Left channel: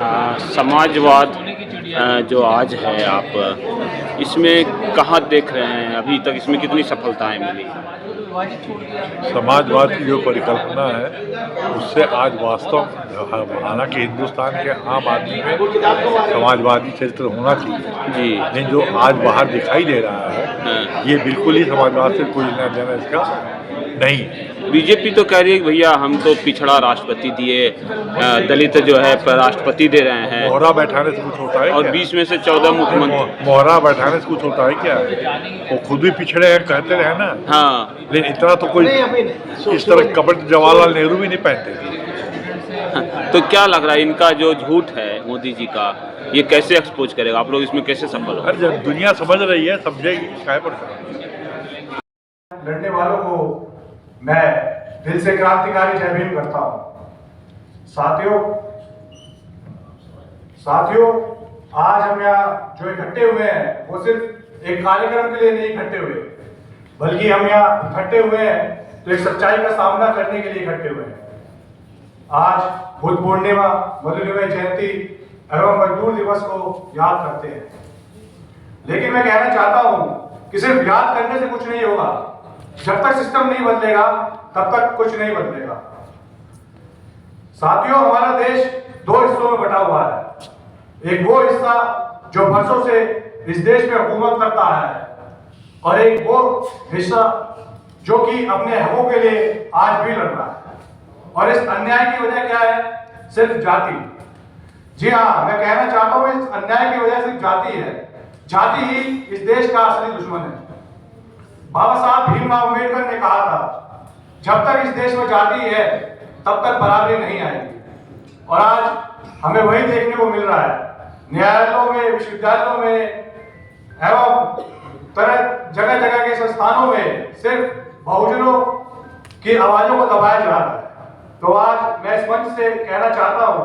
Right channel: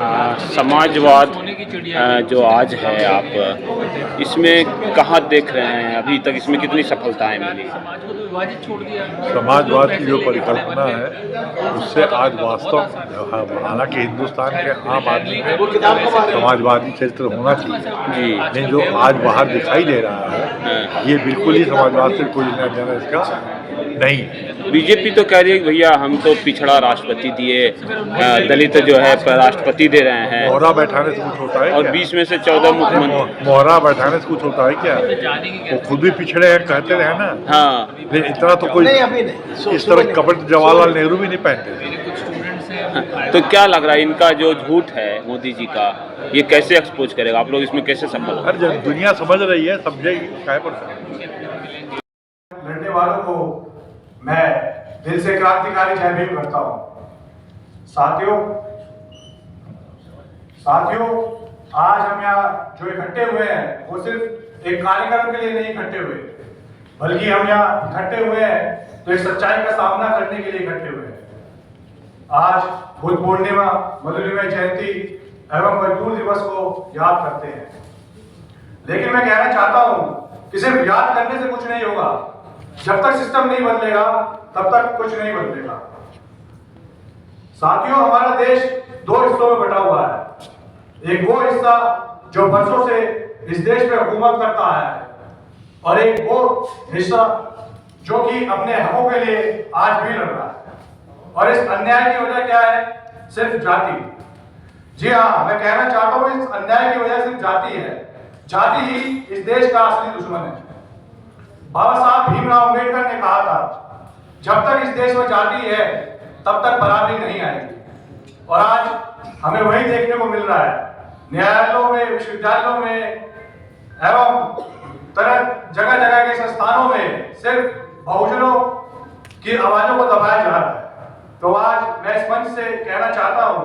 समाजवाद जो आज है आप इसमें कहाँ देख रहे हैं? अभी तक इसमें कितनी सफलताएं मिली? समाजवाद की जो परिकल्पना है उससे आज वास्तव हालांकि हिंदुस्तान के आम आदमी में समाजवादी चरित्र होना चाहिए जी। लेकिन जो आज बाहर दिखाई दे रहा है ये बिल्कुल ही समाजवाद से कोई लेना देना इसका नहीं। बीजेपी तो कह रही है कि भैया हम तो पिछड़ा राष्ट्रपति दिए, दलित जो है राष्ट्रपति दे रहे हैं। मोहरा बैठाने से कुछ होता है और क्या? 20 में से 14 मुख्यमंत्री। मोहरा बैठाने से कुछ होता है क्या? वो खुद भी पिछड़े हैं कहते रहे ना। हाँ, लेकिन इतना तो कोई इस तरह कपड़े जवाहरलाल नेहरू भी नहीं पहनते थे। तो क्या लग रहा है इनका जो झूठ है मोदी जी का, ये कैसे एक्सपोज करेगा? आप लोग इसमें कैसे सफल हो? अरे जब दुनिया समझ रही है समझेगी काहे पर। लड़ने वालों को मैं दिल से क्रांतिकारी जय भीम करता हूं। साथियों आज हम यहाँ जो इकट्ठे हुए हैं वो सिर्फ एक कार्यक्रम के लिए नहीं इकट्ठे हुए, बल्कि हम यहाँ इकट्ठे हुए हैं तो एक सच्चाई का सामना करने के लिए इकट्ठे हुए हैं। आज बुद्ध पूर्णिमा, मधुलिमा जयंती एवं मजदूर दिवस को याद करते हैं, लेकिन मैं कहना चाहता हूं कि सिर्फ याद करने से कुछ नहीं होगा। जब तक सिस्टम नहीं बदलेगा तब तक कुछ नहीं बदलेगा। साथियों हमारा देश दो हिस्सों में बटा हुआ है। एक वो हिस्सा जो वर्षों से इस देश में हुकूमत करता है और एक वो हिस्सा जो कि अपने हकों के लिए आज भी लड़ रहा है। और इस अन्याय की वजह क्या है? सिर्फ जाति। जी हाँ, मैं कहना चाहता हूं इस अन्याय की वजह सिर्फ जाति है। जाति ही इस देश का असली दुश्मन है। बाबा साहब भीमराव अम्बेडकर ने कहा था जब तक इस देश में जाति है तब तक बराबरी नहीं आएगी। और आज हमें वही देखने को मिल रहा है। न्यायालयों में, विश्वविद्यालयों में एवं जगह जगह के संस्थानों में सिर्फ बहुजनों की आवाजों को दबाया जा रहा है। तो आज मैं इस मंच से कहना चाहता हूं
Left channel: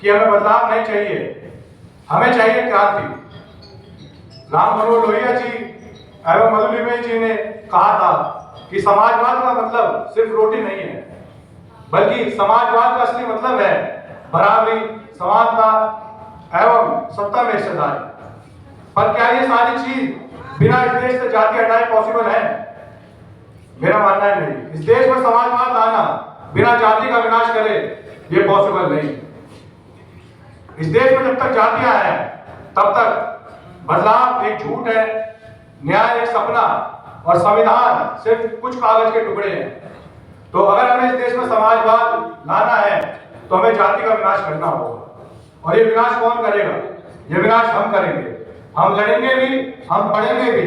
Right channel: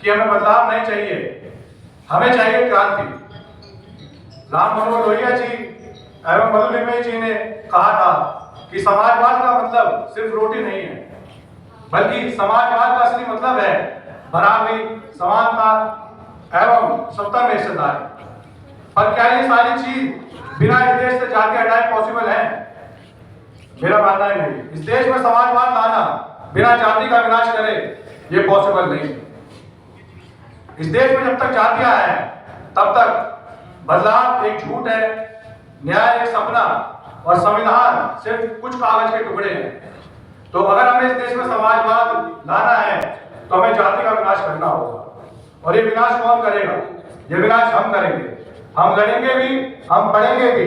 कि हमें बदलाव नहीं चाहिए, हमें चाहिए क्रांति। राम मनोहर लोहिया जी एवं मधुलिमा जी ने कहा था कि समाजवाद का मतलब सिर्फ रोटी नहीं है, बल्कि समाजवाद का असली मतलब है बराबरी, समानता एवं सत्ता में हिस्सेदारी। पर क्या ये सारी चीज बिना इस देश से जाति हटाए पॉसिबल है? मेरा मानना है नहीं। इस देश में समाजवाद लाना बिना जाति का विनाश करे ये पॉसिबल नहीं। इस देश में जब तक जातियां हैं तब तक बदलाव एक झूठ है, न्याय एक सपना और संविधान सिर्फ कुछ कागज के टुकड़े हैं। तो अगर हमें इस देश में समाजवाद लाना है तो हमें जाति का विनाश करना होगा। और ये विनाश कौन करेगा? ये विनाश हम करेंगे। हम लड़ेंगे भी, हम पढ़ेंगे भी।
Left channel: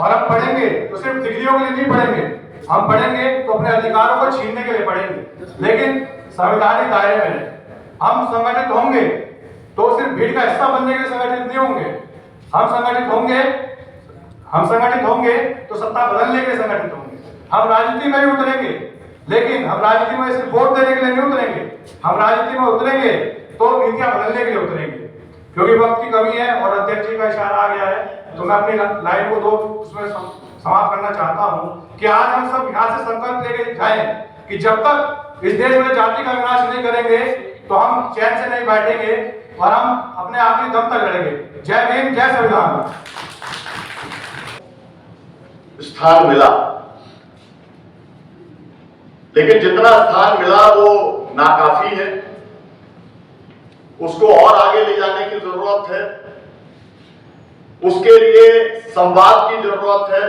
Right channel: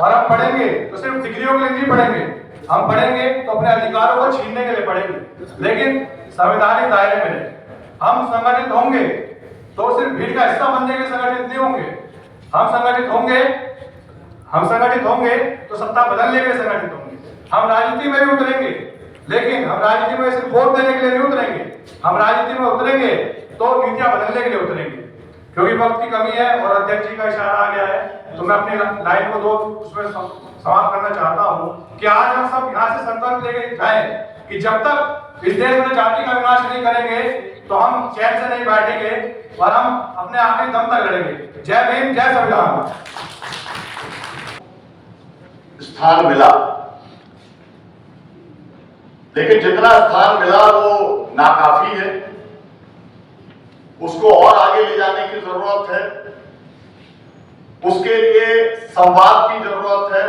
और हम पढ़ेंगे तो सिर्फ डिग्रियों के लिए नहीं पढ़ेंगे, हम पढ़ेंगे तो अपने अधिकारों को छीनने के लिए पढ़ेंगे, लेकिन संवैधानिक दायरे में। हम संगठित होंगे तो सिर्फ भीड़ का हिस्सा बनने के लिए संगठित नहीं होंगे। हम संगठित होंगे तो सत्ता बदलने के लिए संगठित होंगे। हम राजनीति में भी उतरेंगे, लेकिन हम राजनीति में सिर्फ वोट देने के लिए नहीं उतरेंगे। हम राजनीति में उतरेंगे तो नीतियां बदलने के लिए उतरेंगे। क्योंकि वक्त की कमी है और अध्यक्ष जी का इशारा आ गया है, तो मैं अपनी लाइन को उसमें समाप्त करना चाहता हूं कि आज हम सब यहाँ से संकल्प लेके जाएं कि जब तक इस देश में जाति का विनाश नहीं करेंगे तो हम चैन से नहीं बैठेंगे और हम अपने आखिरी दम तक लड़ेंगे। जय भीम, जय संविधान। स्थान मिला, लेकिन जितना स्थान मिला वो नाकाफी है। उसको और आगे ले जाने की जरूरत है। उसके लिए संवाद की जरूरत है।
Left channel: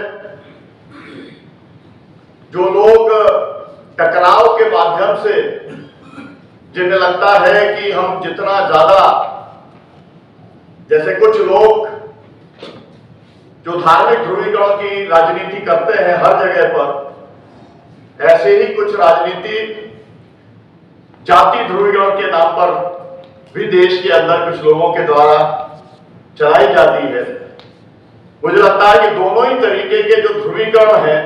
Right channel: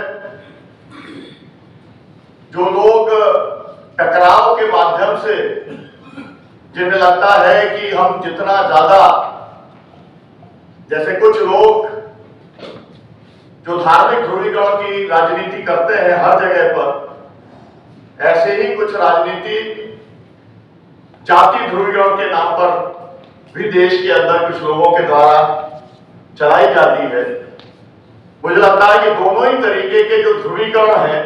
जो लोग टकराव के माध्यम से जिन्हें लगता है कि हम जितना ज्यादा, जैसे कुछ लोग जो धार्मिक ध्रुवीकरण की राजनीति करते हैं हर जगह पर, ऐसे ही कुछ राजनीति जाति ध्रुवीकरण के नाम पर भी देश के अंदर कुछ लोगों के द्वारा चलाई जाती है। मुझे लगता है कि दोनों ही तरीके के जो ध्रुवीकरण है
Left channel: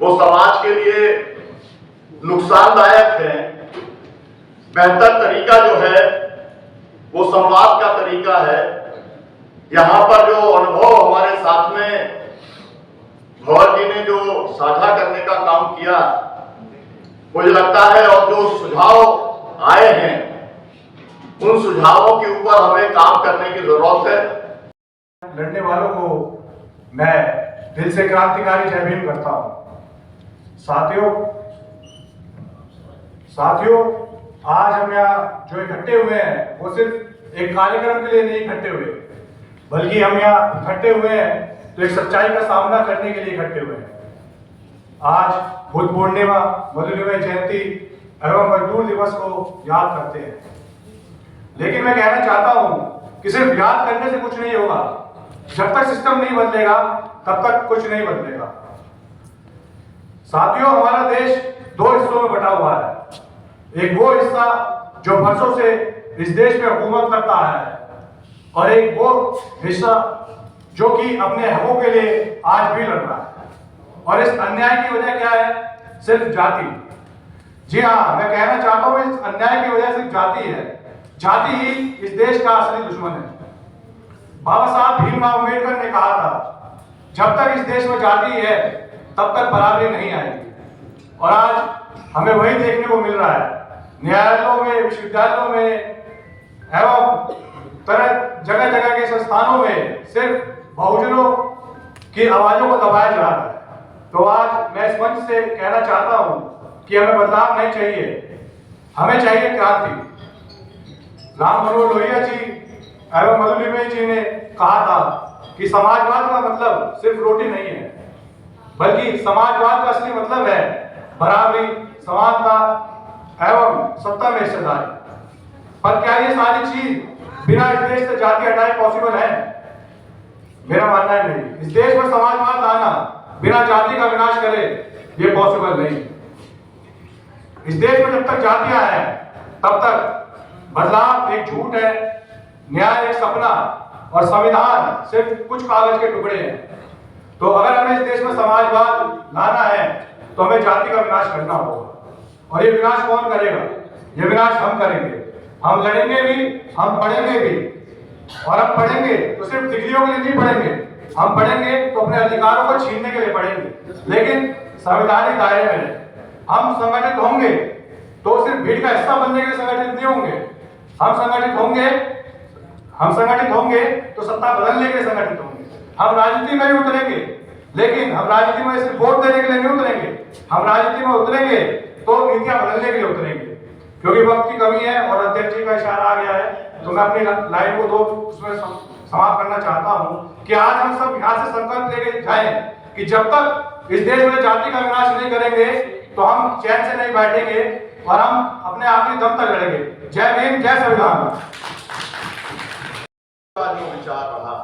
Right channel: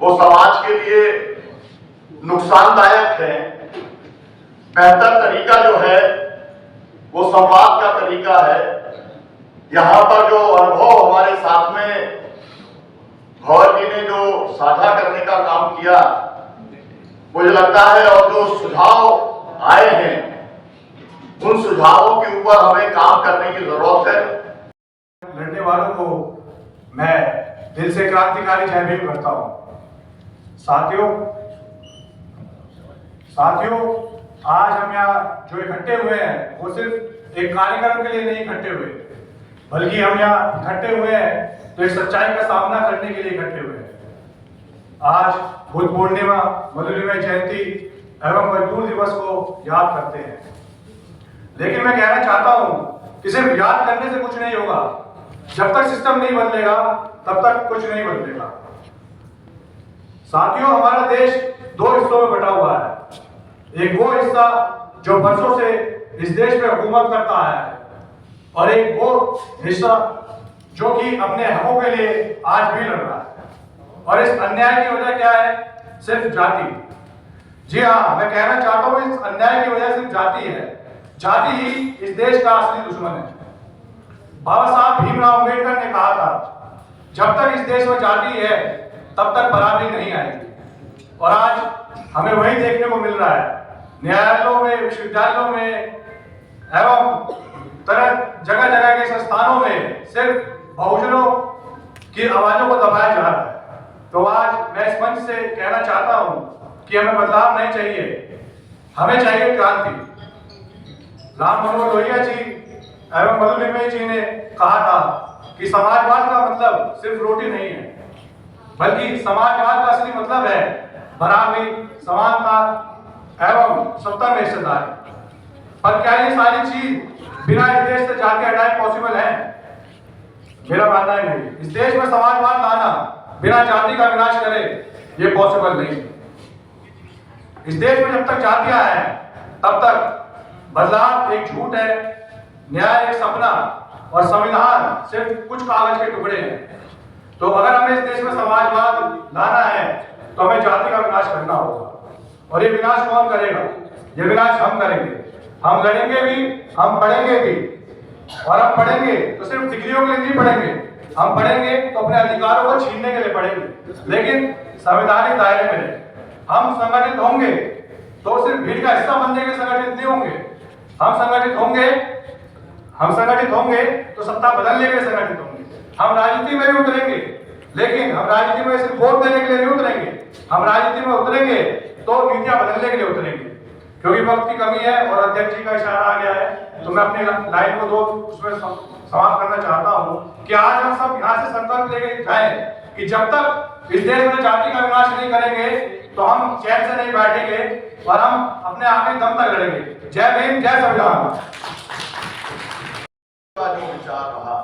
वो समाज के लिए नुकसानदायक है। बेहतर तरीका जो है वो संवाद का तरीका है। यहाँ पर जो अनुभव हमारे साथ में भवर जी ने जो साझा करने का काम किया, मुझे लगता है, और जो सुझाव आए हैं उन सुझावों के ऊपर हमें काम करने की जरूरत है। लड़ने वालों को मैं दिल से क्रांतिकारी जय भीम करता हूं। साथियों, आज हम यहाँ जो इकट्ठे हुए हैं वो सिर्फ एक कार्यक्रम के लिए नहीं इकट्ठे हुए, बल्कि हम यहाँ इकट्ठे हुए हैं तो एक सच्चाई का सामना करने के लिए इकट्ठे हुए हैं। आज बुद्ध पूर्णिमा, मधुलिमा जयंती एवं मजदूर दिवस को याद करते हैं, लेकिन मैं कहना चाहता हूं कि सिर्फ याद करने से कुछ नहीं होगा। जब तक सिस्टम नहीं बदलेगा तब तक कुछ नहीं बदलेगा। साथियों, हमारा देश दो हिस्सों में बटा हुआ है। एक वो हिस्सा जो वर्षों से इस देश में हुकूमत करता है, और एक वो हिस्सा जो कि अपने हकों के लिए आज भी लड़ रहा है। और इस अन्याय की वजह क्या है? सिर्फ जाति। जी हाँ, मैं कहना चाहता हूं इस अन्याय की वजह सिर्फ जाति है। जाति ही इस देश का असली दुश्मन है। बाबा साहब भीमराव अम्बेडकर ने कहा था, जब तक इस देश में जाति है तब तक बराबरी नहीं आएगी। और आज हमें वही देखने को मिल रहा है। न्यायालयों में, विश्वविद्यालयों में एवं जगह जगह के संस्थानों में सिर्फ बहुजनों की आवाजों को दबाया जा रहा है। तो आज मैं इस मंच से कहना चाहता हूं कि हमें बदलाव नहीं चाहिए, हमें चाहिए क्रांति। राम मनोहर लोहिया जी एवं मधुलिमा जी ने कहा था कि समाजवाद का मतलब सिर्फ रोटी नहीं है, बल्कि समाजवाद का असली मतलब है बराबरी, समानता एवं सत्ता में हिस्सेदारी। पर क्या ये सारी चीज बिना इस देश से जाति हटाए पॉसिबल है? मेरा मानना है नहीं। इस देश में समाजवाद लाना बिना जाति का विनाश करे ये पॉसिबल नहीं। इस देश में जब तक जातियां हैं तब तक बदलाव एक झूठ है, न्याय एक सपना और संविधान सिर्फ कुछ कागज के टुकड़े हैं। तो अगर हमें इस देश में समाजवाद लाना है तो हमें जाति का विनाश करना होगा। और ये विनाश कौन करेगा? ये विनाश हम करेंगे। हम लड़ेंगे भी, हम पढ़ेंगे भी। और हम पढ़ेंगे तो सिर्फ डिग्रियों के लिए नहीं पढ़ेंगे, हम पढ़ेंगे तो अपने अधिकारों को छीनने के लिए पढ़ेंगे, लेकिन संवैधानिक दायरे में। हम संगठित होंगे तो सिर्फ भीड़ का हिस्सा बनने के लिए संगठित नहीं होंगे। हम संगठित होंगे तो सत्ता बदलने के लिए संगठित होंगे। हम राजनीति में भी उतरेंगे, लेकिन हम राजनीति में सिर्फ वोट देने के लिए नहीं उतरेंगे। हम राजनीति में उतरेंगे तो नीतियां बदलने के लिए उतरेंगे। क्योंकि वक्त की कमी है और अध्यक्ष जी का इशारा आ गया है, तो मैं अपनी लाइन को उसमें समाप्त करना चाहता हूं कि आज हम सब यहाँ से संकल्प लेके जाएं कि जब तक इस देश में जाति का विनाश नहीं करेंगे तो हम चैन से नहीं बैठेंगे और हम अपने आखिरी दम तक लड़ेंगे। जय भीम, जय संविधान। जो विचार रहा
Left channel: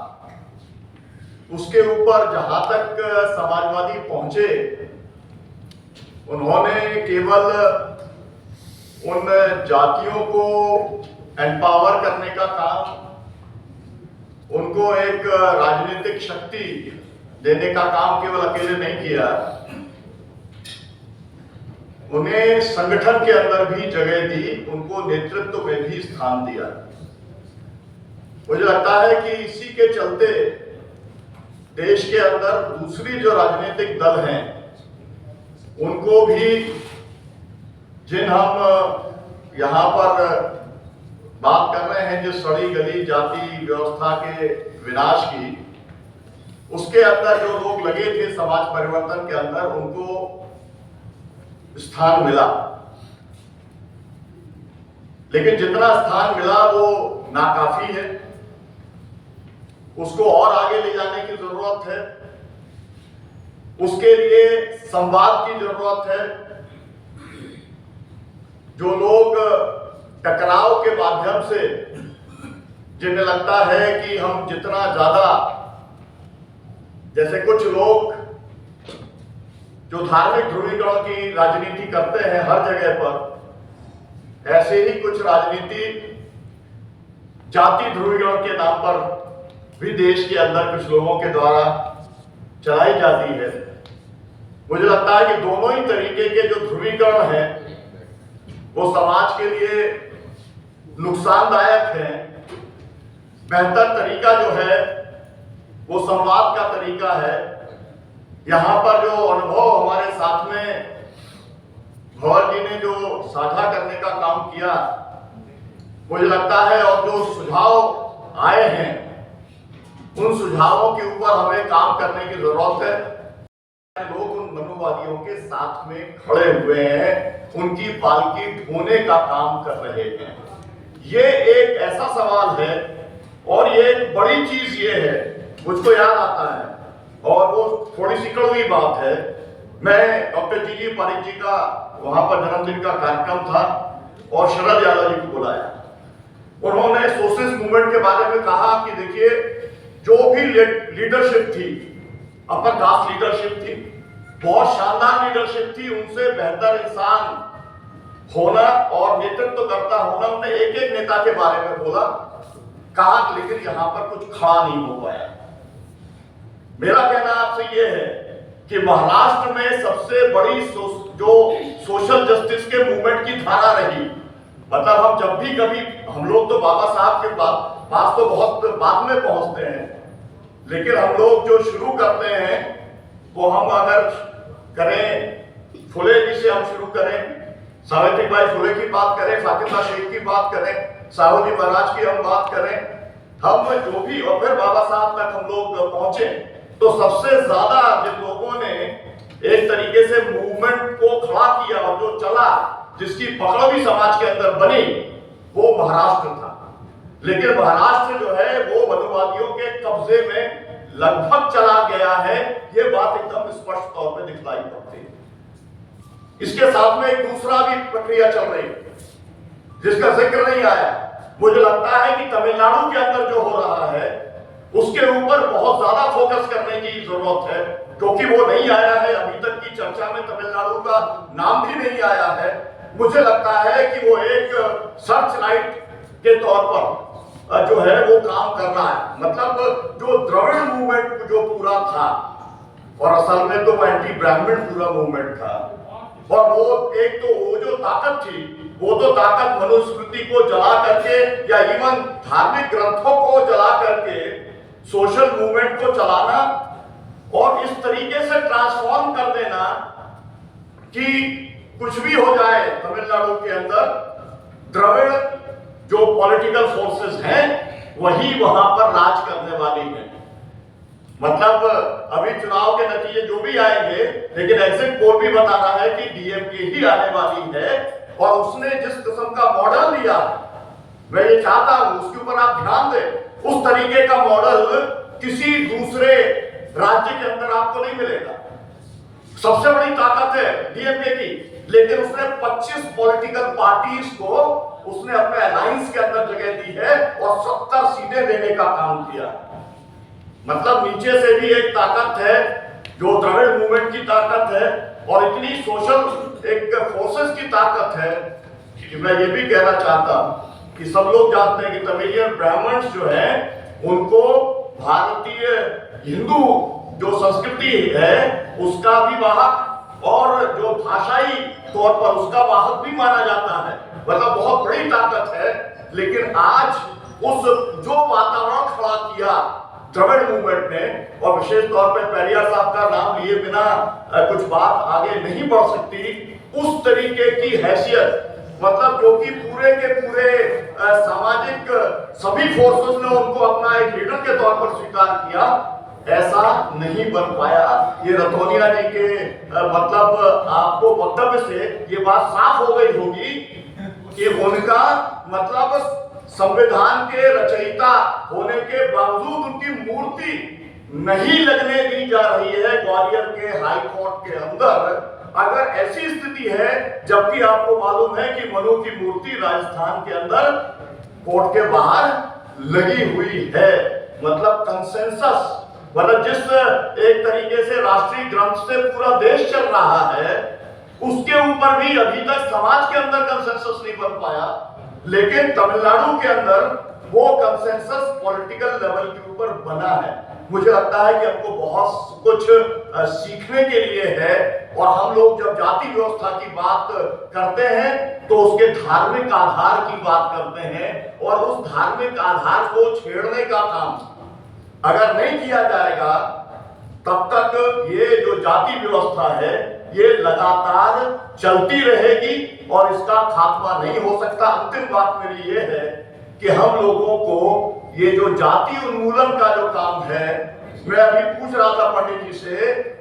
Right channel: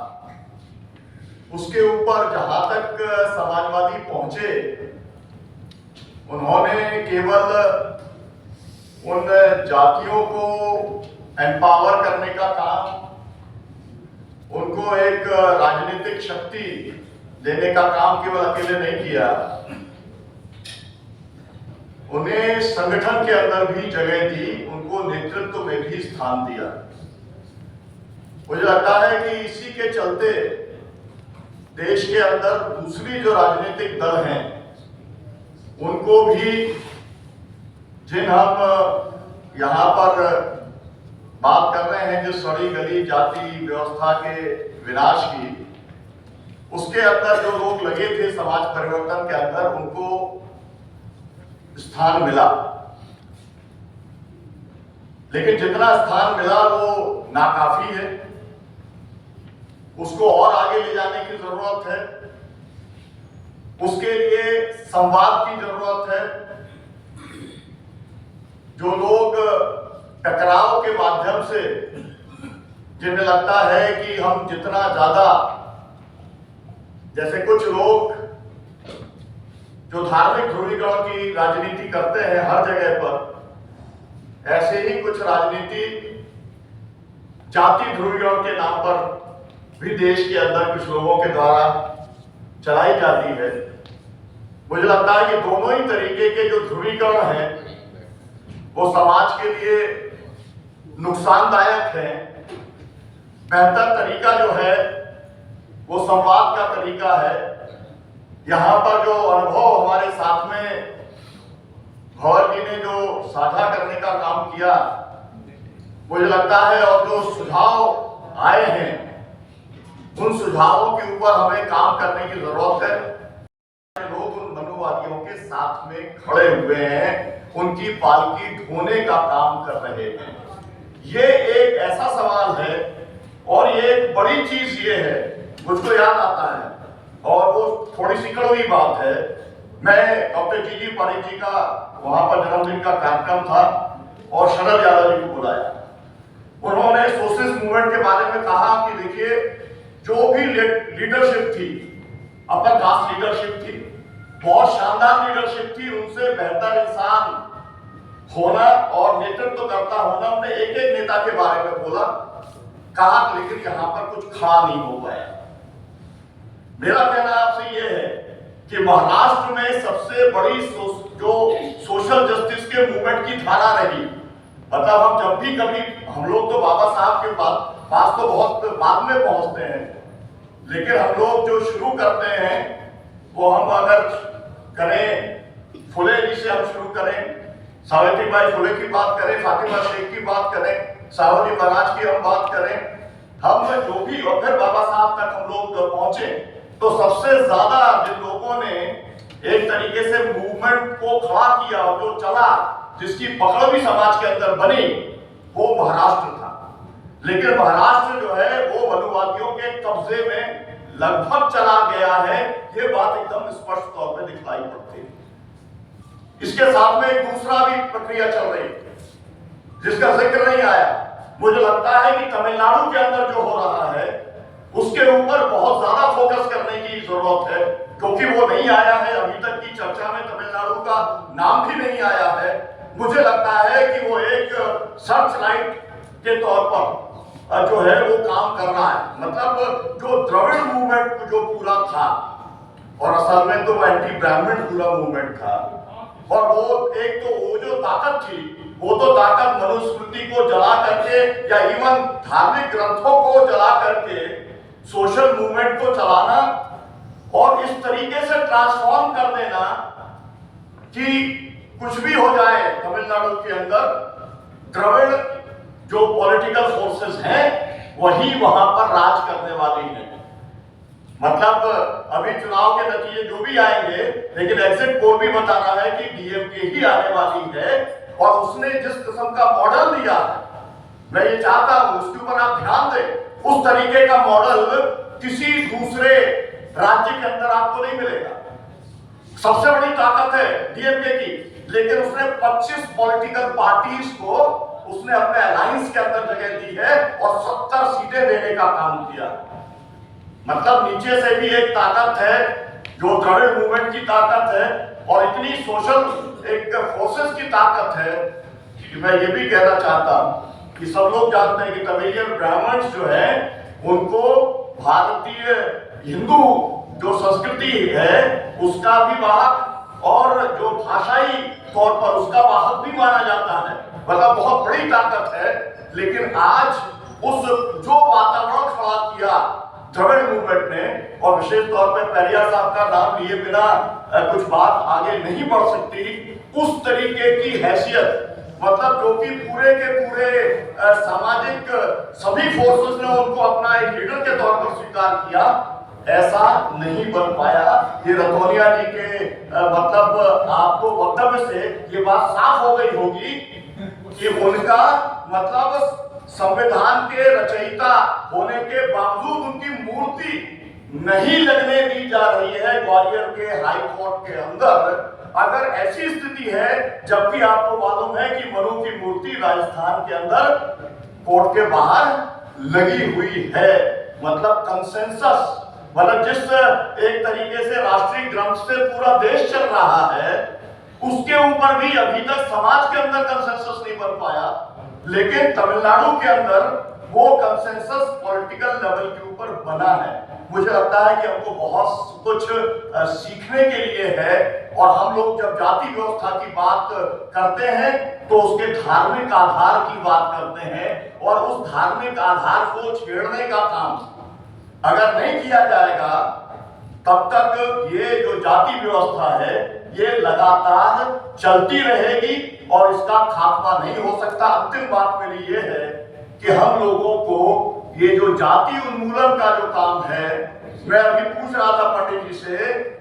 उसके ऊपर जहां तक समाजवादी पहुंचे, उन्होंने केवल उन जातियों को एम्पावर करने का काम, उनको एक राजनीतिक शक्ति देने का काम केवल अकेले नहीं किया, उन्हें संगठन के अंदर भी जगह दी, उनको नेतृत्व में भी स्थान दिया। मुझे लगता है कि इसी के चलते देश के अंदर दूसरी जो राजनीतिक दल हैं उनको भी, जिन हम यहाँ पर बात कर रहे हैं जिस सड़ी गली जाति व्यवस्था के विनाश की, उसके अंदर जो लोग लगे थे समाज परिवर्तन के अंदर, उनको स्थान मिला। लेकिन जितना स्थान मिला वो नाकाफी है, उसको और आगे ले जाने की जरूरत है। उसके लिए संवाद की जरूरत है। जो लोग टकराव के माध्यम से, जिन्हें लगता है कि हम जितना ज्यादा, जैसे कुछ लोग जो धार्मिक ध्रुवीकरण की राजनीति करते हैं हर जगह पर, ऐसे ही कुछ राजनीति जाति ध्रुवीकरण के नाम पर भी देश के अंदर कुछ लोगों के द्वारा चलाई जाती है। मुझे लगता है कि दोनों ही तरीके के जो ध्रुवीकरण हैं वो समाज के लिए नुकसानदायक है। बेहतर तरीका जो है वो संवाद का तरीका है। यहाँ पर जो अनुभव हमारे साथ में भवर जी ने जो साझा करने का काम किया, मुझे लगता है, और जो सुझाव आए हैं उन सुझावों के ऊपर हमें काम करने की जरूरत है। लोग उन मनुवादियों के साथ में खड़े हुए हैं, उनकी पालकी ढोने का काम कर रहे हैं। ये एक ऐसा सवाल है और ये एक बड़ी चीज ये है, मुझको याद आता है और वो थोड़ी सी कड़वी बात है। मैं डॉक्टर जी पारिक जी का वहां पर जन्मदिन का कार्यक्रम था और शरद यादव जी को बुलाया। उन्होंने सोशलिस्ट मूवमेंट के बारे में कहा कि देखिए, जो भी लीडरशिप थी, अपर कास्ट लीडरशिप थी, बहुत शानदार लीडरशिप थी, उनसे बेहतर इंसान होना और नेतृत्व करता होना, उन्होंने एक एक नेता के बारे में बोला, कहा, लेकिन यहां पर कुछ खड़ा नहीं हो पाया। मेरा कहना आपसे यह है कि महाराष्ट्र में सबसे बड़ी जो सोशल जस्टिस के मूवमेंट की धारा रही, मतलब हम जब भी कभी, हम लोग तो बाबा साहब के पास तो बहुत बाद में पहुंचते हैं, लेकिन हम लोग जो शुरू करते हैं वो हम अगर करें, फुले जी से हम शुरू करें, सावित्रीबाई फुले की बात करें, फातिमा शेख की बात करें, साहूजी महाराज की हम बात करें, हम जो भी, और फिर बाबा साहब तक हम लोग पहुंचे, तो सबसे ज्यादा जिन लोगों ने एक तरीके से मूवमेंट को खड़ा किया और जो चला, जिसकी पकड़ भी समाज के अंदर बनी, वो महाराष्ट्र था। लेकिन महाराष्ट्र जो है वो मनुवादियों के कब्जे में लगभग चला गया है, ये बात एकदम स्पष्ट तौर पे दिखलाई पड़ती है। इसके साथ में एक दूसरा भी प्रक्रिया चल रही है जिसका जिक्र नहीं आया। मुझे लगता है कि तमिलनाडु के अंदर जो हो रहा है उसके ऊपर बहुत ज्यादा फोकस करने की जरूरत है, क्योंकि वो नहीं आया है, अभी तक की चर्चा में तमिलनाडु का नाम भी नहीं आया है। मुझे लगता है कि वो एक सर्च लाइट के तौर पर जो है वो काम कर रहा है। मतलब जो द्रविड़ मूवमेंट जो पूरा था, और असल में तो एंटी ब्राह्मण पूरा मूवमेंट था, और वो एक तो वो जो ताकत थी, वो तो ताकत मनुस्मृति को जला करके या इवन धार्मिक ग्रंथों को जला करके सोशल मूवमेंट को चलाना और इस तरीके से ट्रांसफॉर्म कर देना कि कुछ भी हो जाए तमिलनाडु के अंदर, द्रविड़ जो पॉलिटिकल फोर्सेस हैं वही वहां पर राज करने वाली हैं। मतलब अभी चुनाव के नतीजे जो भी आएंगे, लेकिन एग्जिट पोल भी बता रहा है कि डीएमके ही आने वाली है, और उसने जिस किस्म का मॉडल लिया, मैं ये चाहता हूं उसके ऊपर आप ध्यान दें, उस तरीके का मॉडल किसी दूसरे राज्य के अंदर आपको नहीं मिलेगा। सबसे बड़ी ताकत है डीएमके की, लेकिन उसने 25 पॉलिटिकल पार्टीज को उसने अपने अलायंस के अंदर जगह दी है और 70 सीटें देने का काम किया। मतलब नीचे से भी एक ताकत है जो द्रविड़ मूवमेंट की ताकत है, और इतनी सोशल एक फोर्सेस की ताकत है कि मैं ये भी कहना चाहता हूं कि सब लोग जानते हैं कि तमिलियन ब्राह्मण्स जो है उनको भारतीय हिंदू जो संस्कृति है उसका भी वाहक और जो भाषाई तौर पर उसका वाहक भी माना जाता है। मतलब बहुत बड़ी ताकत है। लेकिन आज उस जो वातावरण खड़ा किया द्रविड़ मूवमेंट ने, और विशेष तौर पे पेरियार साहब का नाम लिए बिना कुछ बात आगे नहीं बढ़ सकती, उस तरीके की हैसियत, मतलब जो कि पूरे के पूरे सामाजिक सभी फोर्सेस ने उनको अपना एक लीडर के तौर पर स्वीकार किया, ऐसा नहीं बन पाया। ये रतौनिया जी के मतलब आपको वक्तव्य से ये बात साफ हो गई होगी कि उनका मतलब संविधान के रचयिता होने के बावजूद उनकी मूर्ति नहीं लगने दी जा रही है ग्वालियर के हाई कोर्ट के अंदर। अगर ऐसी स्थिति है, जबकि आपको मालूम है कि मनु की मूर्ति राजस्थान के अंदर कोर्ट के बाहर लगी हुई है, मतलब कंसेंसस, मतलब जिस एक तरीके से राष्ट्रीय ग्रंथ से पूरा देश चल रहा है उसके ऊपर भी अभी तक समाज के अंदर कंसेंसस नहीं बन पाया। लेकिन तमिलनाडु के अंदर वो कंसेंसस पॉलिटिकल लेवल के ऊपर बना है। मुझे लगता है कि हमको बहुत कुछ सीखने के लिए है, और हम लोग जब जाति व्यवस्था की बात करते हैं तो उसके धार्मिक आधार की बात करते हैं, और उस धार्मिक आधार को छेड़ने का काम अगर नहीं किया जाएगा तब तक ये जो जाति व्यवस्था है ये लगातार चलती रहेगी और इसका खात्मा नहीं हो सकता। अंतिम बात मेरी ये है कि हम लोगों को ये जो जाति उन्मूलन का जो काम है, मैं अभी पूछ रहा था पंडित जी से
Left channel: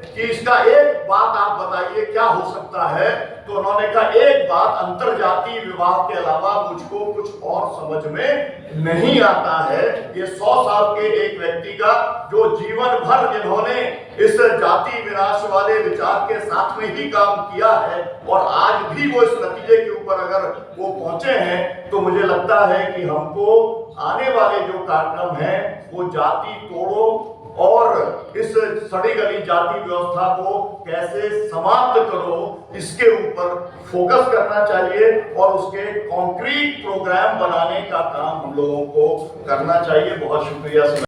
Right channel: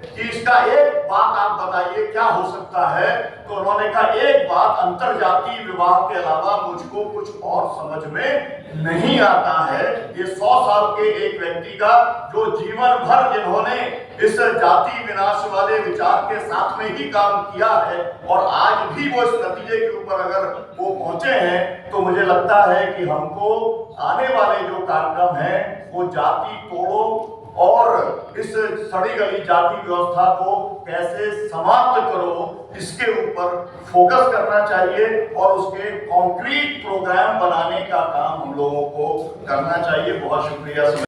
कि इसका एक बात आप बताइए क्या हो सकता है, तो उन्होंने कहा एक बात, अंतरजातीय विवाह के अलावा मुझको कुछ और समझ में नहीं आता है। ये 100 साल के एक व्यक्ति का जो जीवन भर जिन्होंने इस जाति विनाश वाले विचार के साथ में ही काम किया है और आज भी वो इस नतीजे के ऊपर अगर वो पहुंचे हैं, तो मुझे लगता है कि हमको आने वाले जो कार्यक्रम है वो जाति तोड़ो और इस सड़ी गली जाति व्यवस्था को कैसे समाप्त करो, इसके ऊपर फोकस करना चाहिए और उसके कॉन्क्रीट प्रोग्राम बनाने का काम हम लोगों को करना चाहिए। बहुत शुक्रिया।